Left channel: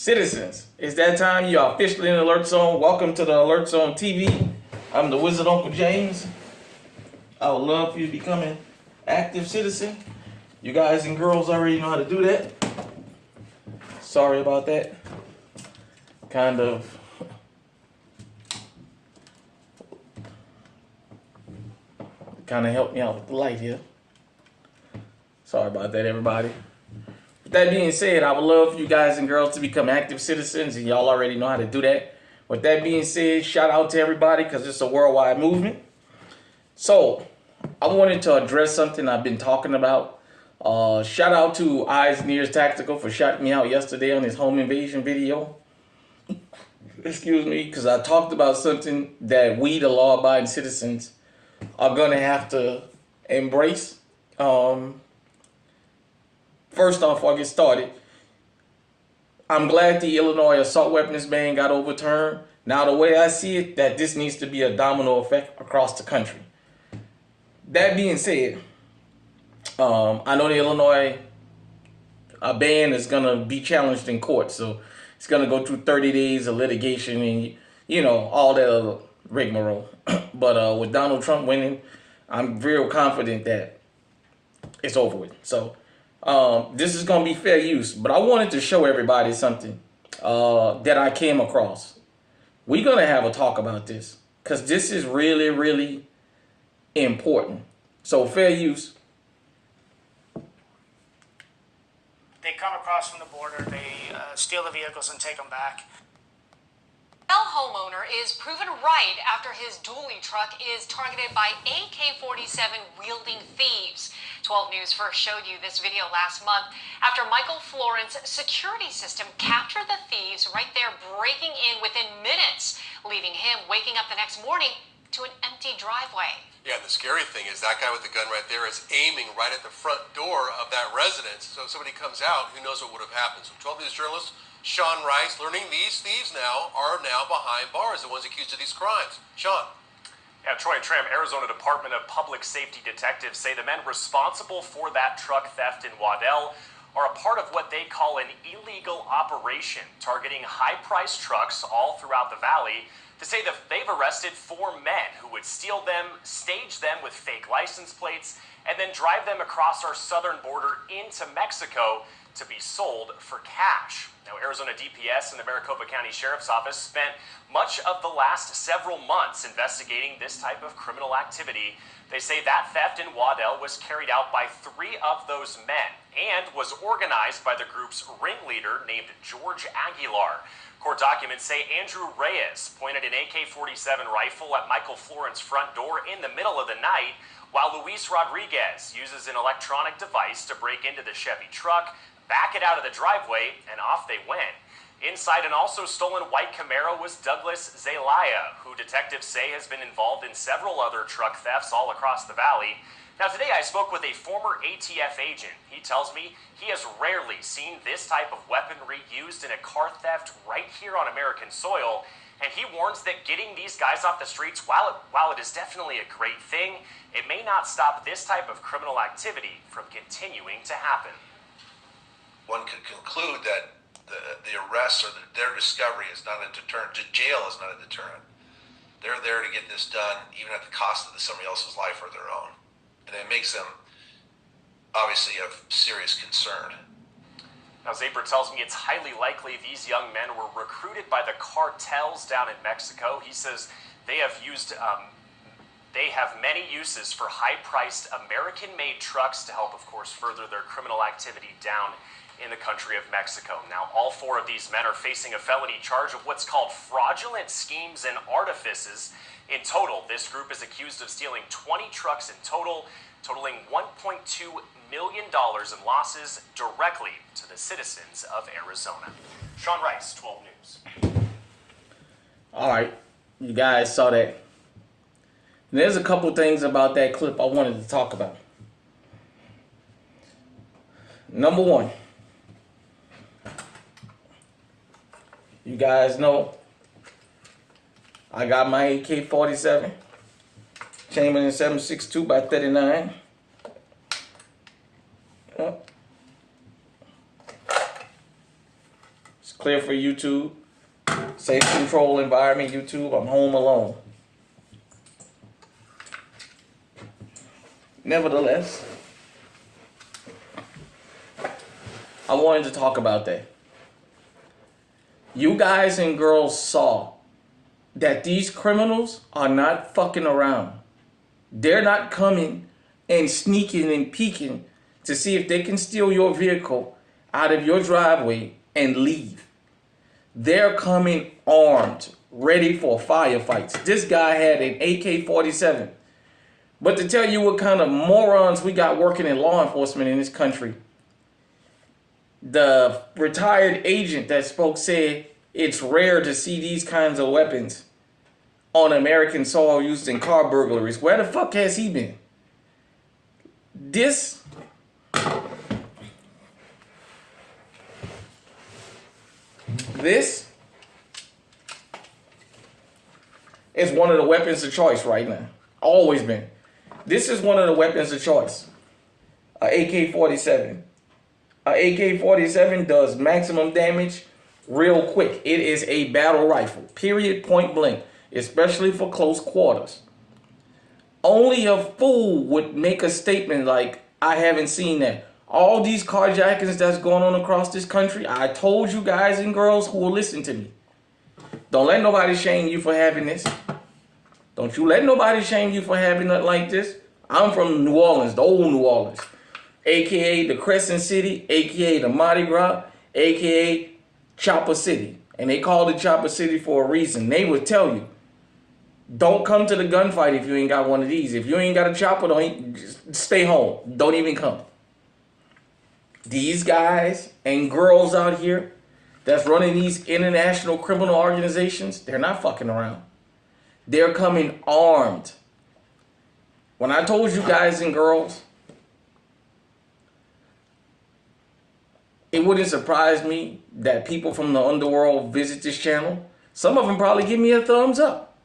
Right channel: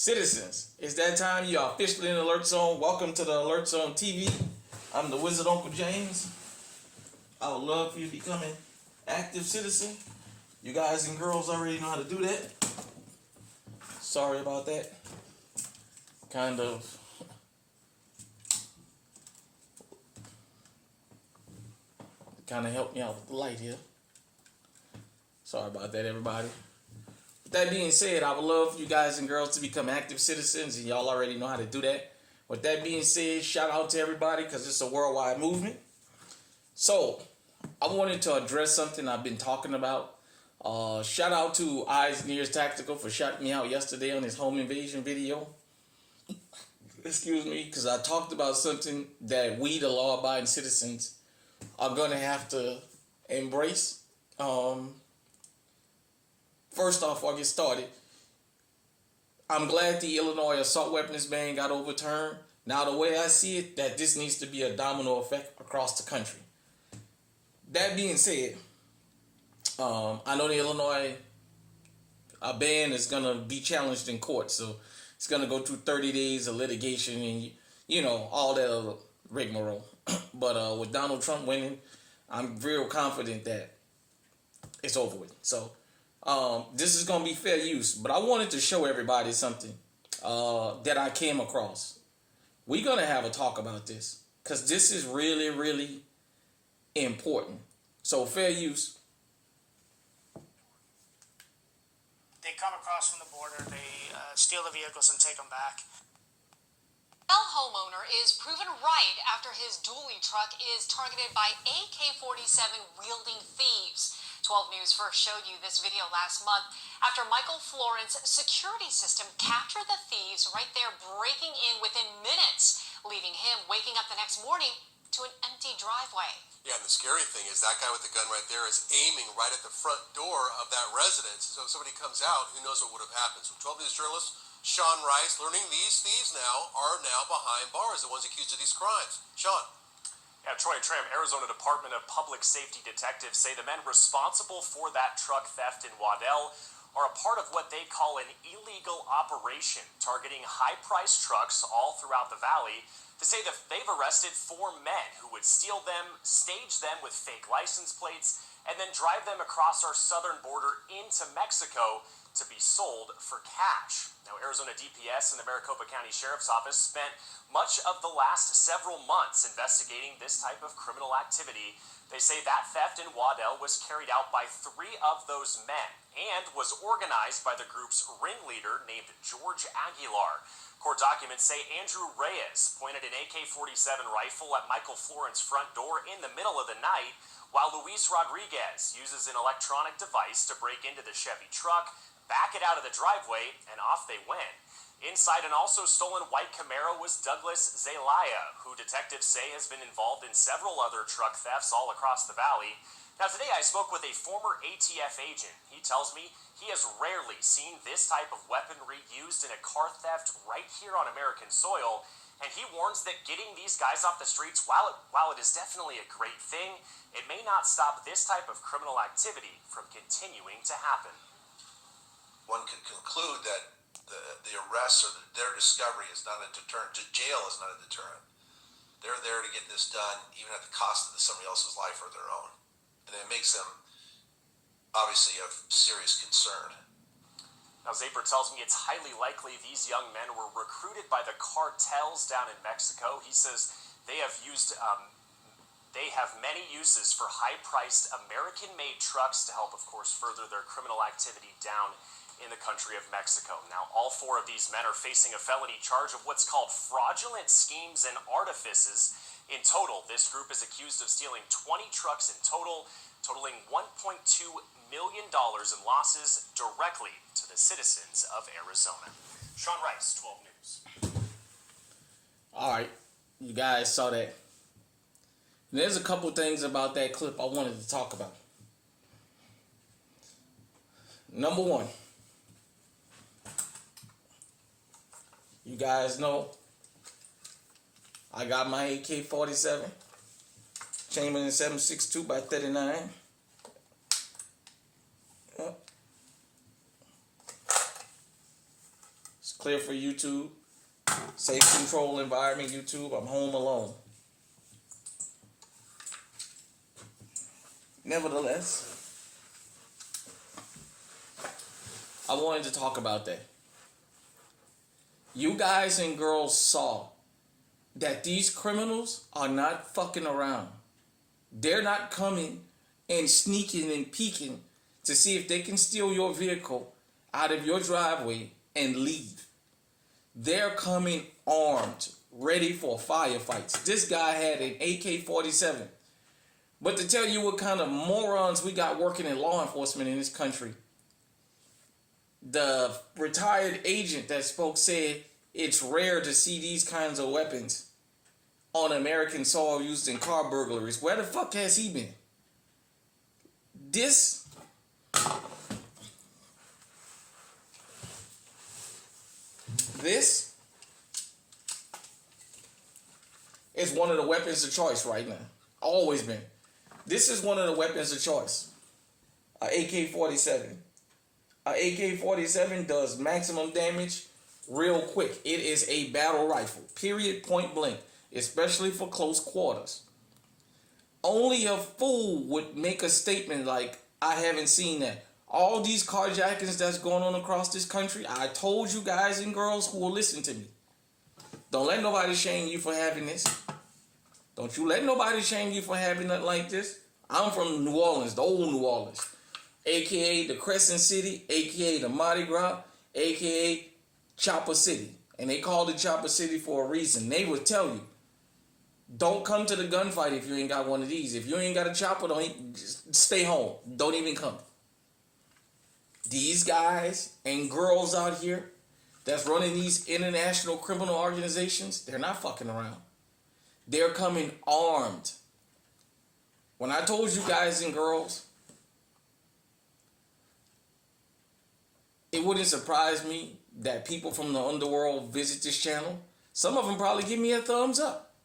Citizens, it's that time. You are officially in the Alert Zone. Welcome to the Alert Zone TV. I'm the Wizard Uncle James. I would love for you to become an active citizen. You guys and girls already know how to do that. Sorry about that. Kind of helped me out with the light here. Sorry about that, everybody. With that being said, I would love for you guys and girls to become active citizens, and y'all already know how to do that. With that being said, shout out to everybody because it's a worldwide movement. So, I wanted to address something I've been talking about. Shout out to Eyes and Ears Tactical for shouting me out yesterday on his home invasion video. Excuse me, because I talked about something that we, the law-abiding citizens, are going to have to embrace. First off, before I get started, I'm glad the Illinois assault weapons ban got overturned. Now, the way I see it, that this needs to be a domino effect across the country. That being said, I know the Illinois ban is going to be challenged in court, so it's going to go through 30 days of litigation and, you know, all that other rigmarole. But with Donald Trump winning, I'm real confident that it's over with. So, this is going to be fair use, but I wanted to show everybody something that I came across. We're going to have a talk about this because this is really, really important. So fair use. They come across from the border, they steal the vehicles and take them back. Homeowner is proven right after his dually truck is targeted by AK-47 wielding thieves. 12 News first showed you this video last month after Michael Florence security system captured the thieves right there breaking in within minutes, leaving him waking up the next morning to an empty driveway. Yeah, the scary thing is that guy with the gun right there is aiming right at the front door of that residence. So if somebody comes out, who knows what would have happened. So 12 News journalist Sean Rice learning these thieves are now behind bars, the ones accused of these crimes. Sean. Yeah, Troy and Tram, Arizona Department of Public Safety detectives say the men responsible for that truck theft in Waddell are a part of what they call an illegal operation targeting high-priced trucks all throughout the valley. To say that they've arrested 4 men who would steal them, stage them with fake license plates, and then drive them across our southern border into Mexico to be sold for cash. Now, Arizona DPS and the Maricopa County Sheriff's Office spent much of the last several months investigating this type of criminal activity. They say that theft in Waddell was carried out by 3 of those men and was organized by the group's ringleader named George Aguilar. Court documents say Andrew Reyes pointed an AK-47 rifle at Michael Florence's front door in the middle of the night, while Luis Rodriguez uses an electronic device to break into the Chevy truck, back it out of the driveway, and off they went. Inside an also stolen white Camaro was Douglas Zelaya, who detectives say has been involved in several other truck thefts all across the valley. Now, today I spoke with a former ATF agent. He tells me he has rarely seen this type of weaponry used in a car theft right here on American soil, and he warns that getting these guys off the streets, while it is definitely a great thing, it may not stop this type of criminal activity from continuing to happen. One could conclude that the arrests or their discovery is not a deterrent. Jail is not a deterrent. They're there to get this done, even at the cost of somebody else's life or their own. And it makes them obviously of serious concern. Now, Zaper tells me it's highly likely these young men were recruited by the cartels down in Mexico. He says they have many uses for high-priced American-made trucks to help, of course, further their criminal activity down in the country of Mexico. Now, all 4 of these men are facing a felony charge of what's called fraudulent schemes and artifices. In total, this group is accused of stealing 20 trucks in total, totaling $1.2 million in losses directly to the citizens of Arizona. Sean Rice, 12 News. All right, you guys saw that. And there's a couple things about that clip I wanted to talk about. Number 1. You guys know I got my AK-47 Chamberlain 7.62 by 39. clear for YouTube. Safe control environment, YouTube. I'm home alone. Nevertheless, I wanted to talk about that. You guys and girls saw that these criminals are not fucking around. They're not coming and sneaking and peeking to see if they can steal your vehicle out of your driveway and leave. They're coming armed, ready for firefights. This guy had an AK-47. But to tell you what kind of morons we got working in law enforcement in this country, the retired agent that spoke said it's rare to see these kinds of weapons on American soil used in car burglaries. Where the fuck has he been? This is one of the weapons of choice right now. Always been. This is one of the weapons of choice. A AK-47. A AK-47 does maximum damage real quick. It is a battle rifle. Period. Point blank. Especially for close quarters. Only a fool would make a statement like, I haven't seen that. All these carjackings that's going on across this country, I told you guys and girls who will listen to me. Don't let nobody shame you for having this. Don't you let nobody shame you for having nothing like this. I'm from New Orleans, the old New Orleans. AKA the Crescent City, AKA the Mardi Gras, AKA Chopper City. And they called it Chopper City for a reason. They would tell you, don't come to the gunfight if you ain't got one of these. If you ain't got a chopper, just stay home. Don't even come. These guys and girls out here that's running these international criminal organizations, they're not fucking around. They're coming armed. When I told you guys and girls, it wouldn't surprise me that people from the underworld visit this channel. Some of them probably give me a thumbs up.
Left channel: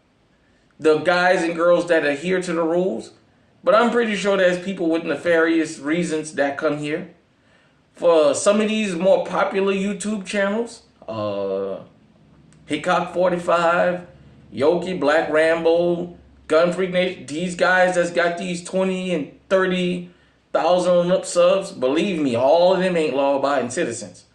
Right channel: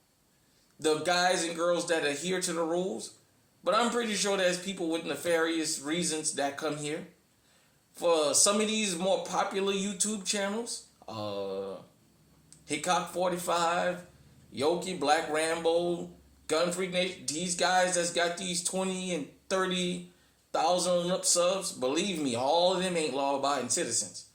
The guys and girls that adhere to the rules. But I'm pretty sure there's people with nefarious reasons that come here. For some of these more popular YouTube channels, Hickok 45, Yoki, Black Rambo, Gun Freak Nation, these guys that's got these 20 and 30,000 subs, believe me, all of them ain't law-abiding citizens.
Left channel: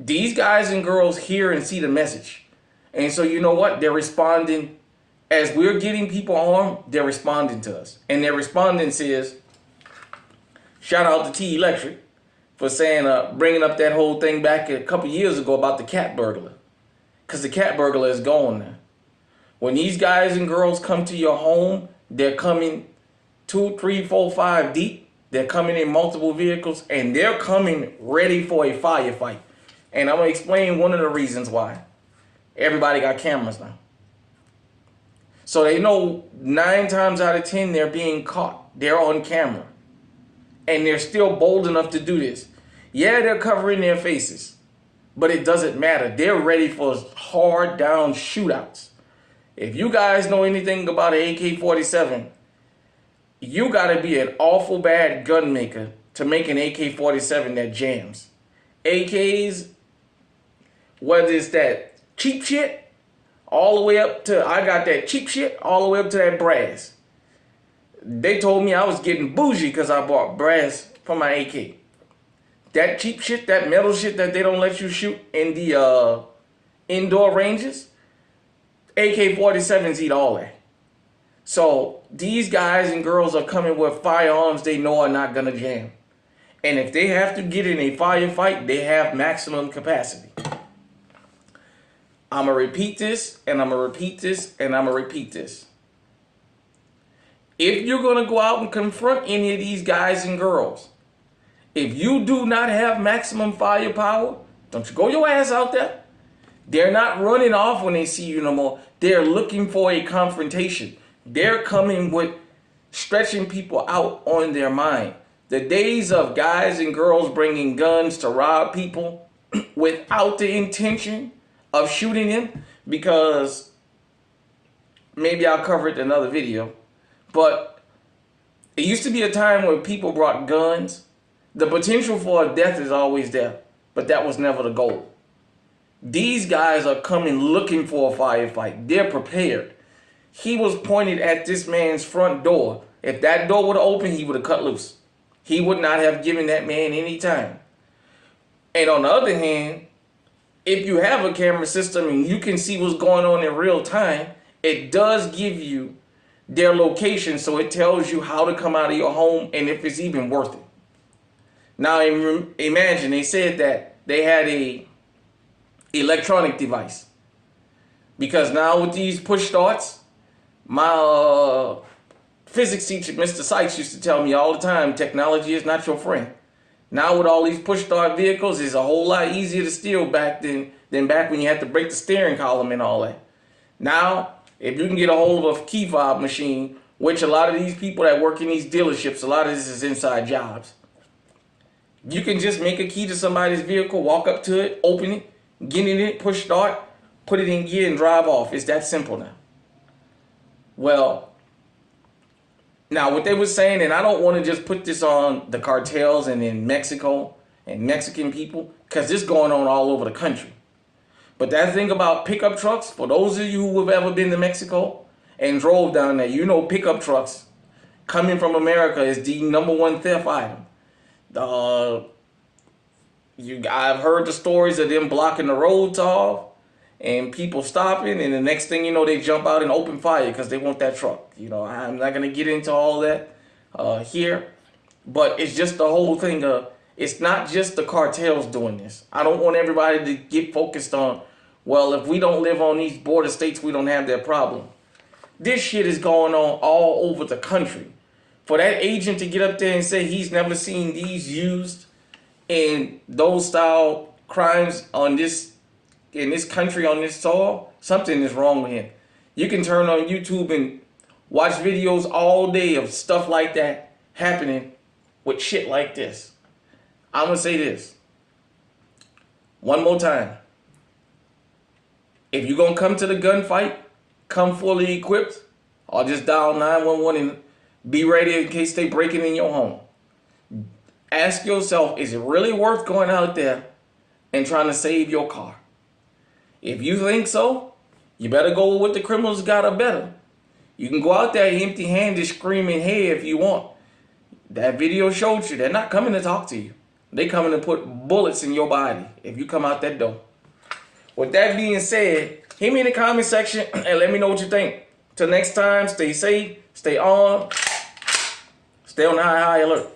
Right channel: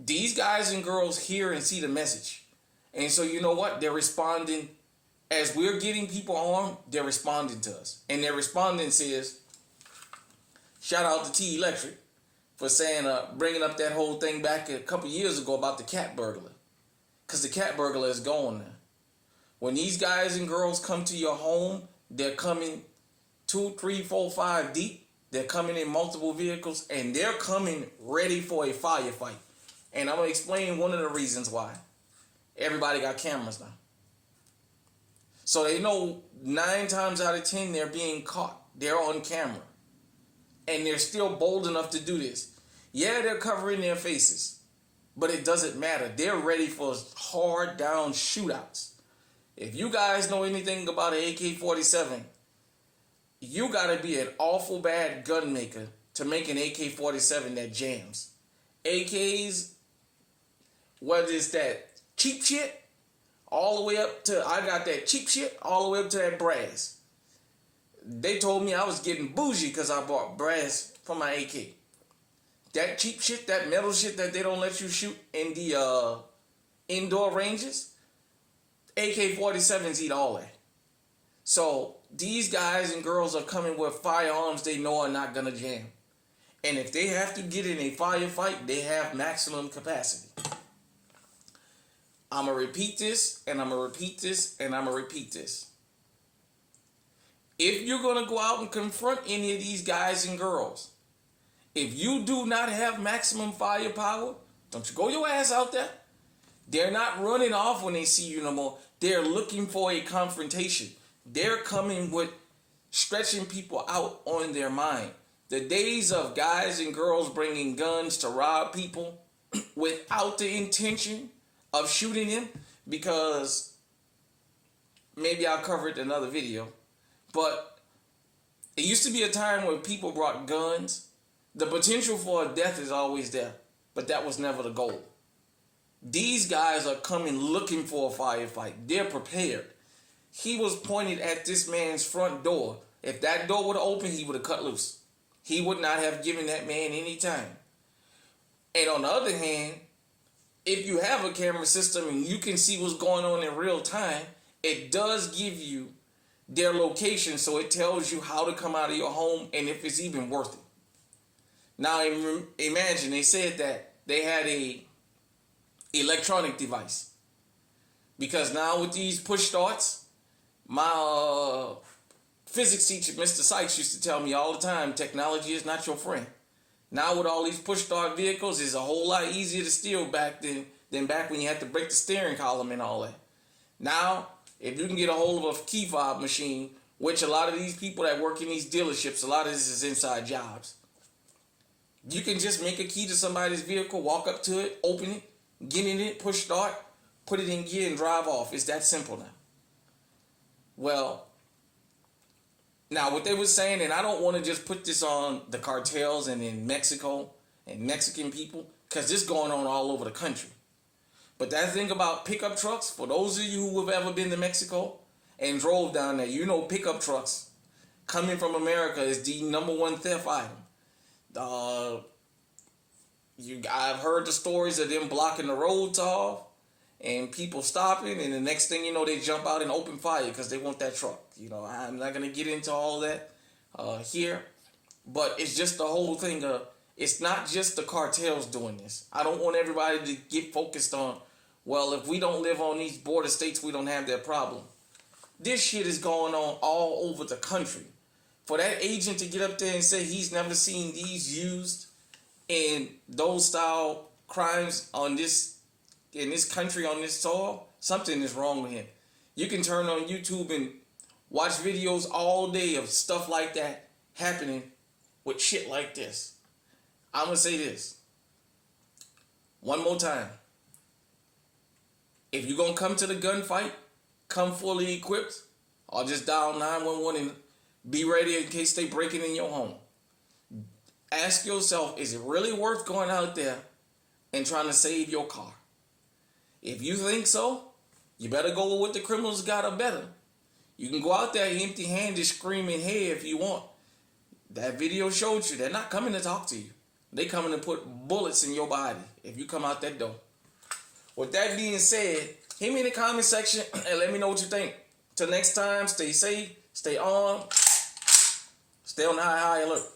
These guys and girls hear and see the message. And so you know what? They're responding. As we're getting people armed, they're responding to us. And their respondence is, shout out to T Electric for saying, bringing up that whole thing back a couple years ago about the cat burglar. Because the cat burglar is gone now. When these guys and girls come to your home, they're coming 2, 3, 4, 5 deep. They're coming in multiple vehicles, and they're coming ready for a firefight. And I'm going to explain one of the reasons why. Everybody got cameras now. So they know 9 times out of 10 they're being caught. They're on camera. And they're still bold enough to do this. Yeah, they're covering their faces. But it doesn't matter. They're ready for hard down shootouts. If you guys know anything about an AK-47, you got to be an awful bad gun maker to make an AK-47 that jams. AKs, whether it's that cheap shit, all the way up to, I got that cheap shit, all the way up to that brass. They told me I was getting bougie because I bought brass for my AK. That cheap shit, that metal shit that they don't let you shoot in the indoor ranges, AK-47s eat all that. So these guys and girls are coming with firearms they know are not going to jam. And if they have to get in a firefight, they have maximum capacity. I'm going to repeat this, and I'm going to repeat this, and I'm going to repeat this. If you're going to go out and confront any of these guys and girls, if you do not have maximum firepower, don't you go your ass out there. They're not running off when they see you no more. They're looking for a confrontation. They're coming with stretching people out on their mind. The days of guys and girls bringing guns to rob people without the intention of shooting him, because maybe I'll cover it in another video, but it used to be a time when people brought guns. The potential for a death is always there, but that was never the goal. These guys are coming looking for a firefight. They're prepared. He was pointed at this man's front door. If that door would have opened, he would have cut loose. He would not have given that man any time. And on the other hand, if you have a camera system and you can see what's going on in real time, it does give you their location, so it tells you how to come out of your home and if it's even worth it. Now imagine they said that they had a electronic device, because now with these push starts, my physics teacher, Mr. Sykes, used to tell me all the time, technology is not your friend. Now with all these push start vehicles, it's a whole lot easier to steal back than back when you had to break the steering column and all that. Now, if you can get a hold of a key fob machine, which a lot of these people that work in these dealerships, a lot of this is inside jobs. You can just make a key to somebody's vehicle, walk up to it, open it, get in it, push start, put it in gear and drive off. It's that simple now. Well, now what they were saying, and I don't want to just put this on the cartels and in Mexico and Mexican people, because this is going on all over the country. But that thing about pickup trucks, for those of you who have ever been to Mexico and drove down there, you know pickup trucks coming from America is the #1 theft item. I've heard the stories of them blocking the roads off and people stopping, and the next thing you know, they jump out and open fire because they want that truck. You know, I'm not going to get into all that here, but it's just the whole thing of, it's not just the cartels doing this. I don't want everybody to get focused on, well, if we don't live on these border states, we don't have that problem. This shit is going on all over the country. For that agent to get up there and say he's never seen these used in those style crimes on this, in this country, on this soil, something is wrong with him. You can turn on YouTube and watch videos all day of stuff like that happening with shit like this. I'm going to say this one more time. If you're going to come to the gunfight, come fully equipped, or just dial 911 and be ready in case they breaking in your home. Ask yourself, is it really worth going out there and trying to save your car? If you think so, you better go with what the criminals got or better. You can go out there empty-handed screaming, hey, if you want. That video showed you they're not coming to talk to you. They coming to put bullets in your body if you come out that door. With that being said, hit me in the comment section and let me know what you think. Till next time, stay safe, stay on, stay on high alert.